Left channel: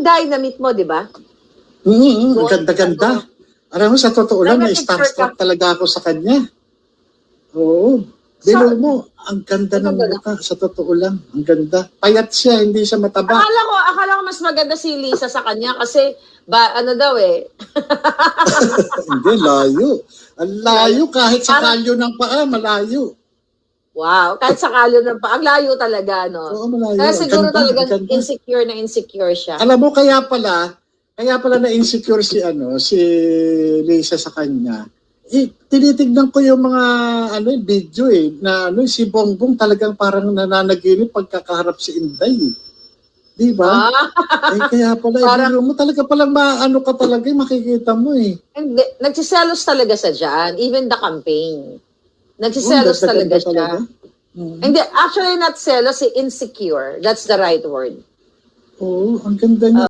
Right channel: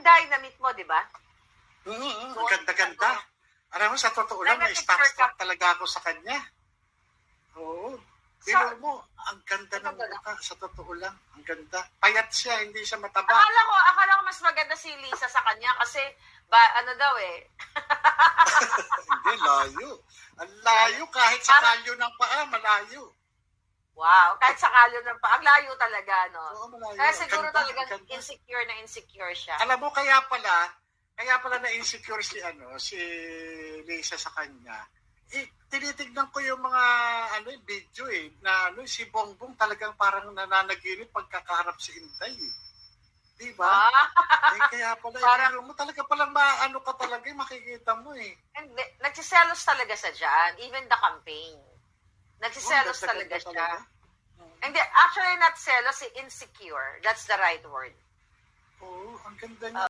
Dynamite mo, di ba? Ang ganda-ganda. Alam mo, sa totoo lang, na-starstruck talaga ako sa kanya. Oo. Bilo mo, ang ganda ng mukha. Sa totoo lang, ang ganda. Payat siya, hindi siya mataba. Akala ko mas maganda si Lisa sa kanya kasi, ano daw eh. Hindi, layo. Ang layo, kahit sa kalyo ng paa, malayo. Wow, kahit sa kalyo ng paa, ang layo talaga, no? Oo, malayo. Kaya siguro ganda, talagang insecure siya. Alam mo, kaya pala na-insecure si Lisa sa kanya. Tinitignan ko yung mga video na si Bongbong talagang parang nananaginip pagkakaharap si Inday. Di ba? Kaya pala, parang, mo talaga palang ka talaga, makikita mo Hindi, nagsiselos talaga sa dyan, even the campaign. Nagsiselos talaga siya. Hindi, actually not selos, insecure. That's the right word. Oo, ang ganda niya.